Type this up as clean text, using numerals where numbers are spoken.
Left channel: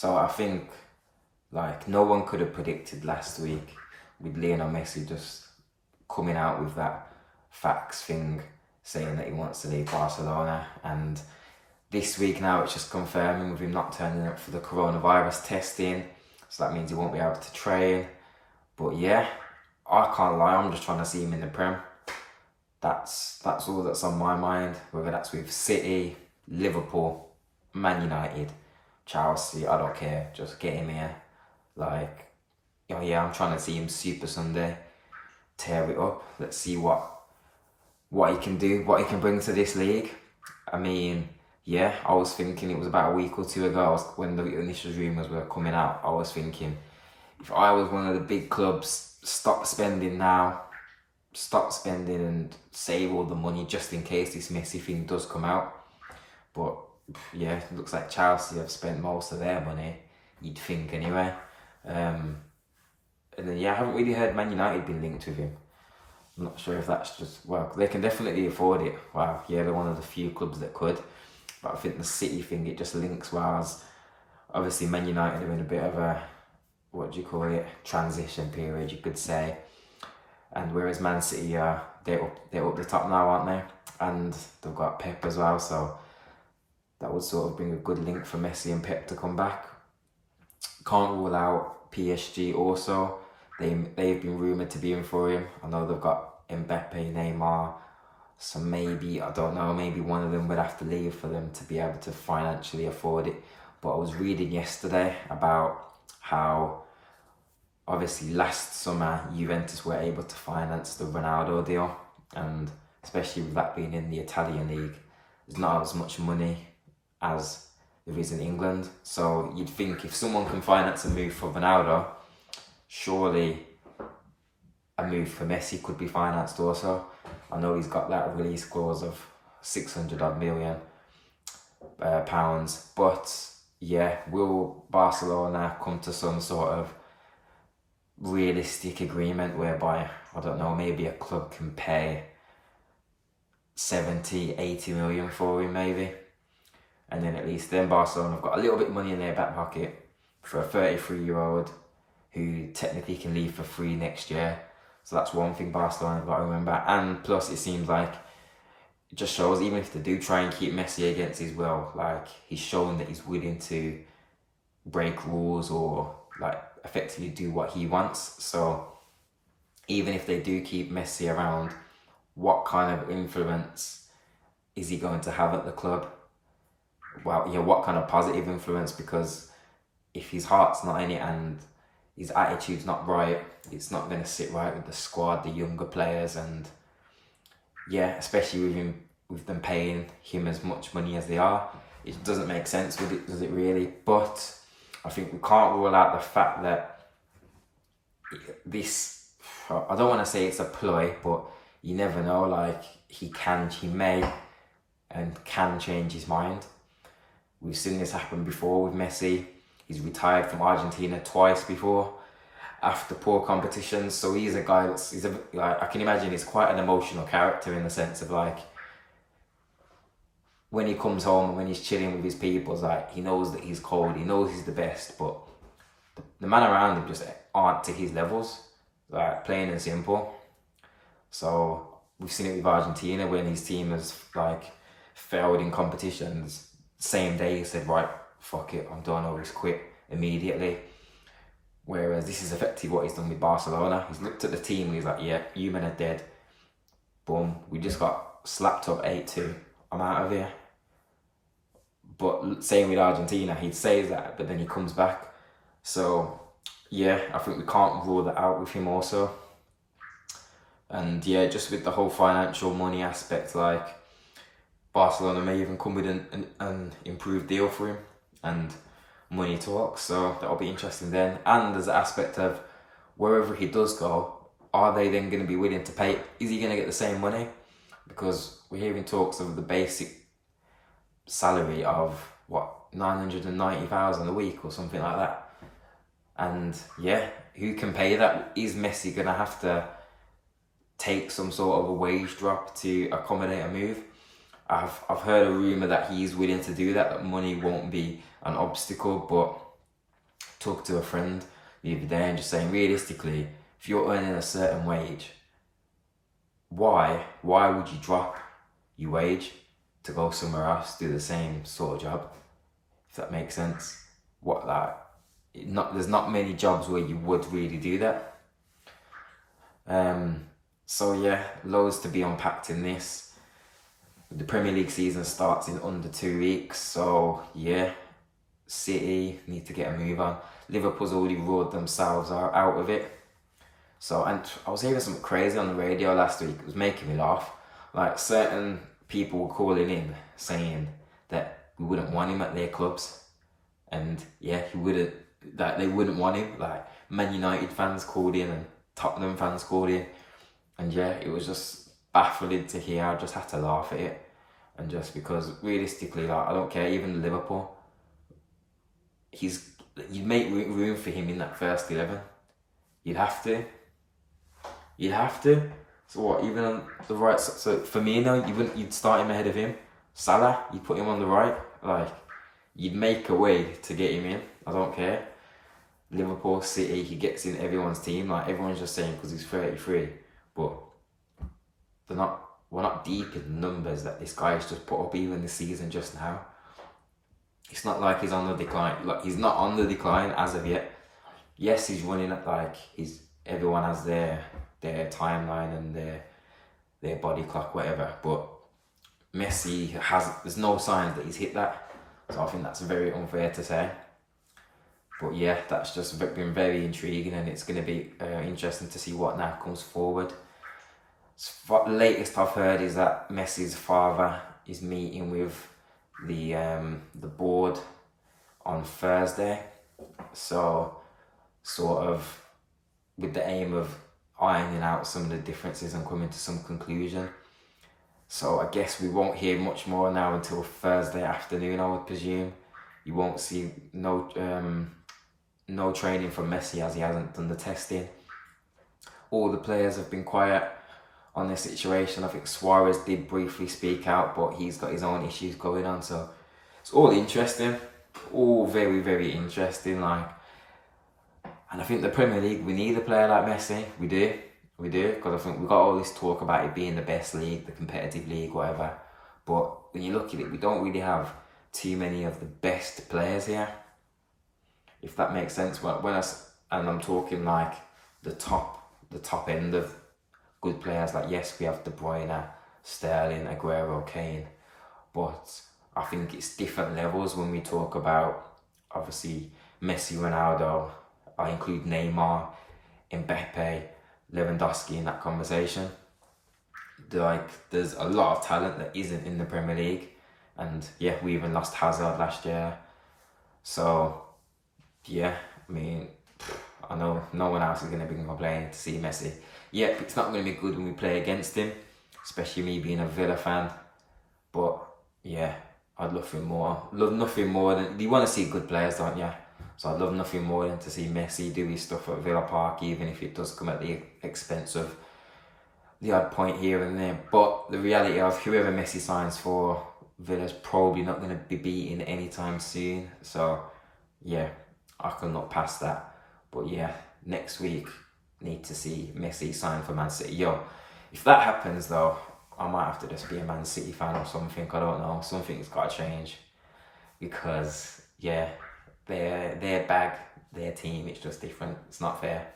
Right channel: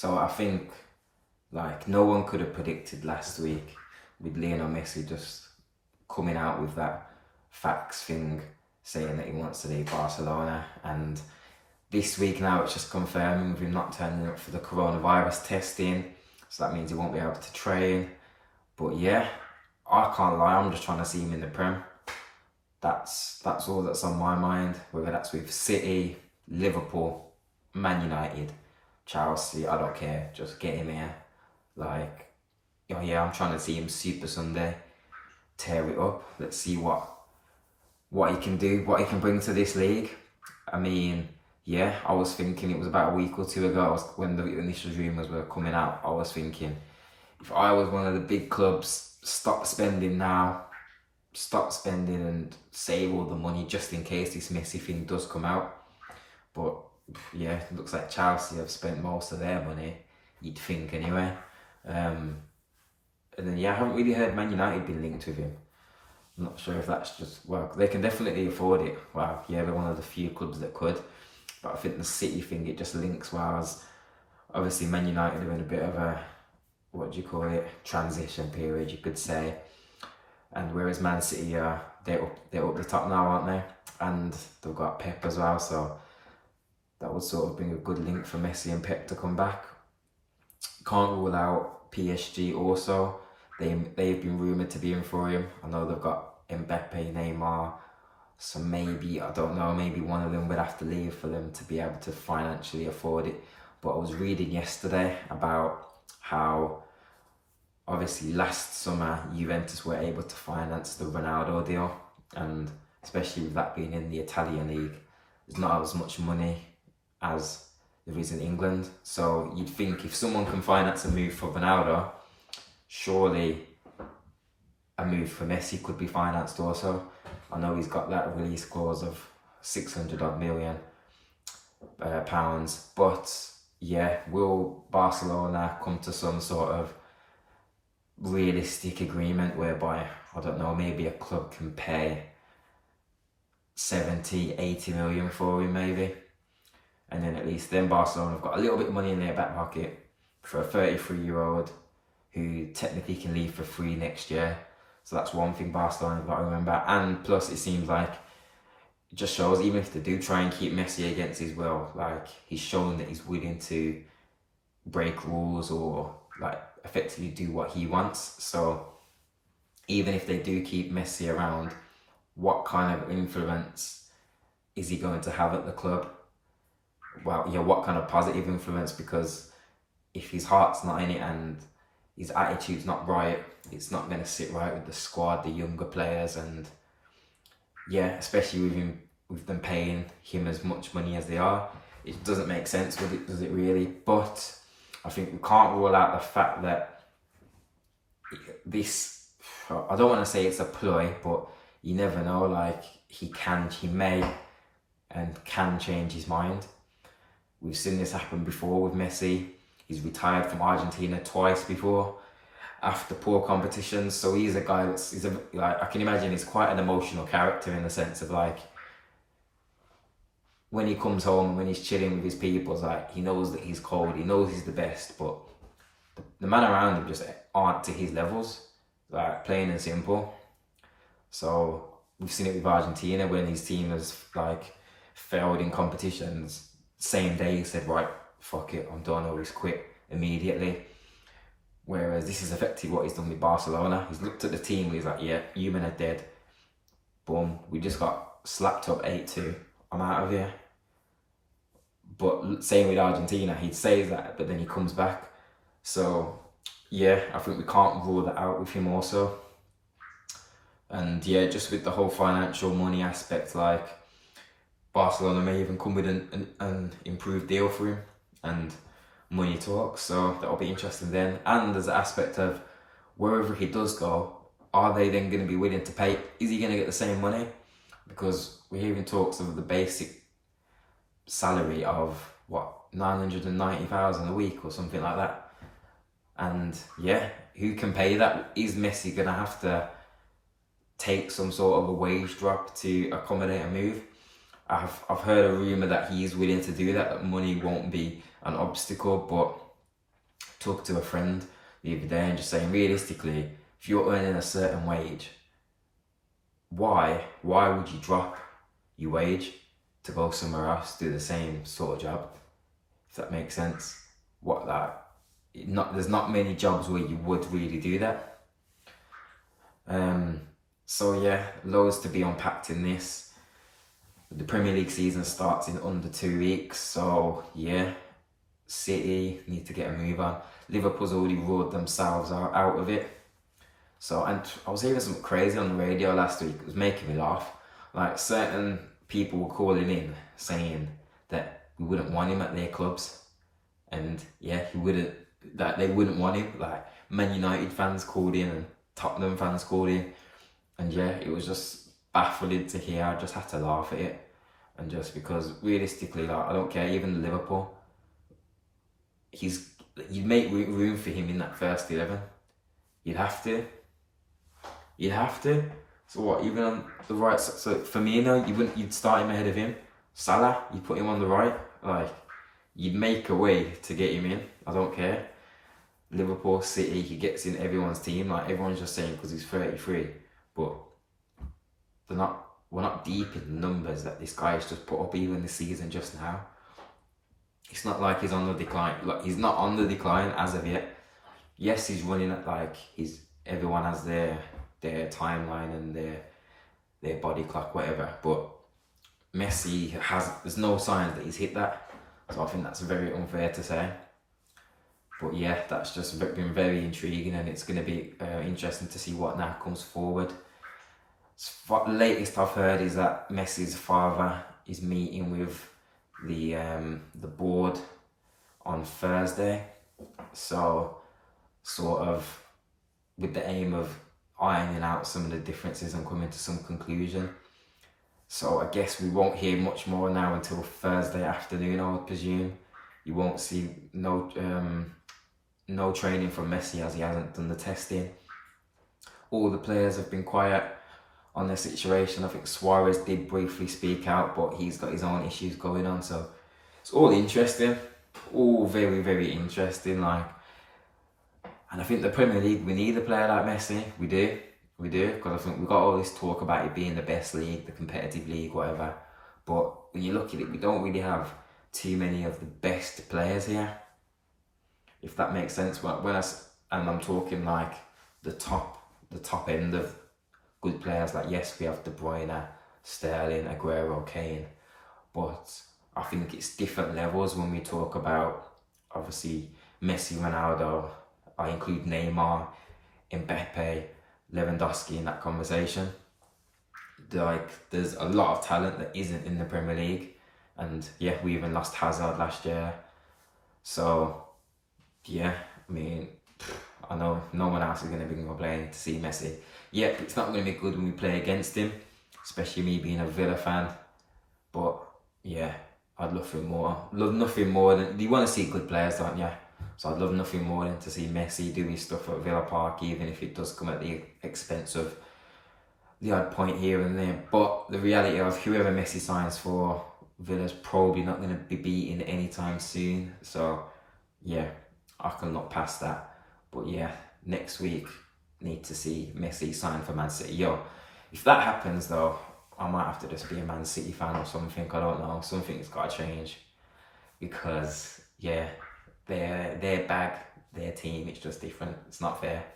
So I think like no one could have predicted last week with Lionel Messi just coming out with that facts thing saying that he wants to leave Barcelona, and this week now it's just confirming with him not turning up for the coronavirus testing, so that means he won't be able to train. But yeah, I can't lie, I'm just trying to see him in the Prem. That's all that's on my mind, whether that's with City, Liverpool, Man United, Chelsea, I don't care, just get him here. Like, oh yeah, I'm trying to see him Super Sunday, tear it up. Let's see what he can do, what he can bring to this league. I mean, yeah, I was thinking, it was about a week or two ago when the initial rumours were coming out, I was thinking, if I was one of the big clubs, stop spending now, stop spending and save all the money just in case this Messi thing does come out. But yeah, it looks like Chelsea have spent most of their money, you'd think anyway. And then yeah, I haven't really heard Man United being linked with him. I'm not sure if that's just, well, they can definitely afford it. Wow, yeah, they're one of the few clubs that could. But I think the City thing, it just links, whereas obviously Man United are in a bit of a, what do you call it, transition period, you could say. And whereas Man City, they're up the top now, aren't they? And they've got Pep as well, so that would sort of bring a good link for Messi and Pep to come back. Can't rule out PSG also. They've been rumoured to be in for him. I know they've got Mbappe, Neymar, so maybe, I don't know, maybe one of them would have to leave for them to be able to financially afford it. But I was reading yesterday about how obviously last summer Juventus were able to finance the Ronaldo deal, and especially with that being in the Italian league, there's not as much money as there is in England. So you'd think if someone can finance a move for Ronaldo, surely a move for Messi could be financed also. I know he's got that release clause of 600 odd million pounds, but yeah, will Barcelona come to some sort of realistic agreement whereby, I don't know, maybe a club can pay 70, 80 million for him maybe, and then at least then Barcelona have got a little bit of money in their back pocket for a 33-year-old who technically can leave for free next year. So that's one thing Barcelona have got to remember. And plus it seems like it just shows, even if they do try and keep Messi against his will, like he's shown that he's willing to break rules or like effectively do what he wants. So even if they do keep Messi around, what kind of influence is he going to have at the club? Well, yeah, what kind of positive influence? Because if his heart's not in it and his attitude's not right, it's not going to sit right with the squad, the younger players, and yeah, especially with them paying him as much money as they are, it doesn't make sense, does it really? But I think we can't rule out the fact that this, I don't want to say it's a ploy, but you never know, like he may and can change his mind. We've seen this happen before with Messi. He's retired from Argentina twice before after poor competitions. So he's a guy that's, like, I can imagine he's quite an emotional character in the sense of like, when he comes home and when he's chilling with his people, it's like he knows that he's cold, he knows he's the best, but the man around him just aren't to his levels, like plain and simple. So we've seen it with Argentina when his team has like failed in competitions. Same day he said, right, fuck it, I'm done, or he's quit immediately. Whereas this is effectively what he's done with Barcelona. He's looked at the team and he's like, yeah, you men are dead. Boom, we just got slapped up 8-2. I'm out of here. But same with Argentina, he says that, but then he comes back. So yeah, I think we can't rule that out with him also. And yeah, just with the whole financial money aspect, like Barcelona may even come with an improved deal for him and money talks, so that'll be interesting then. And there's the aspect of wherever he does go, are they then going to be willing to pay? Is he going to get the same money? Because we're hearing talks of the basic salary of what, 990,000 a week or something like that. And yeah, who can pay that? Is Messi going to have to take some sort of a wage drop to accommodate a move? I've heard a rumour that he is willing to do that money won't be an obstacle, but talked to a friend the other day and just saying, realistically, if you're earning a certain wage, why would you drop your wage to go somewhere else, do the same sort of job? If that makes sense. There's not many jobs where you would really do that. So yeah, loads to be unpacked in this. The Premier League season starts in under 2 weeks, so yeah, City need to get a move on. Liverpool's already ruled themselves out of it. So, and I was hearing something crazy on the radio last week. It was making me laugh. Like, certain people were calling in saying that we wouldn't want him at their clubs, and yeah, they wouldn't want him. Like, Man United fans called in and Tottenham fans called in, and yeah, it was just baffling to hear. I just had to laugh at it, and just because realistically, like, I don't care. Even Liverpool, you'd make room for him in that first 11. You'd have to. So what? Even on the right, so Firmino, you'd start him ahead of him. Salah, you put him on the right. Like, you'd make a way to get him in. I don't care. Liverpool, City, he gets in everyone's team. Like, everyone's just saying because he's 33, but we're not deep in the numbers that this guy has just put up even this season just now. It's not like he's on the decline. Like, he's not on the decline as of yet. Yes, he's running at, like, everyone has their timeline and their body clock, whatever. But Messi there's no signs that he's hit that. So I think that's very unfair to say. But yeah, that's just been very intriguing, and it's going to be interesting to see what now comes forward. The latest I've heard is that Messi's father is meeting with the board on Thursday. So sort of with the aim of ironing out some of the differences and coming to some conclusion. So I guess we won't hear much more now until Thursday afternoon, I would presume. You won't see no training from Messi as he hasn't done the testing. All the players have been quiet on their situation. I think Suarez did briefly speak out, but he's got his own issues going on. So it's all interesting, all very, very interesting. And I think the Premier League, we need a player like Messi. We do, because I think we've got all this talk about it being the best league, the competitive league, whatever. But when you look at it, we don't really have too many of the best players here, if that makes sense. And I'm talking like the top end of good players. Like, yes, we have De Bruyne, Sterling, Aguero, Kane, but I think it's different levels when we talk about, obviously, Messi, Ronaldo. I include Neymar, Mbappe, Lewandowski in that conversation. There's a lot of talent that isn't in the Premier League, and yeah, we even lost Hazard last year. So yeah, I mean, I know no one else is going to be complaining to see Messi. Yeah, it's not going to be good when we play against him, especially me being a Villa fan. But yeah, I'd love nothing more than, you want to see good players, don't you? So I'd love nothing more than to see Messi do his stuff at Villa Park, even if it does come at the expense of the odd point here and there. But the reality of whoever Messi signs for, Villa's probably not going to be beaten anytime soon. So yeah, I can look past that. But yeah, next week, need to see Messi sign for Man City. If that happens though, I might have to just be a Man City fan or something. I don't know. Something's got to change, because yeah, their bag, their team, it's just different. It's not fair.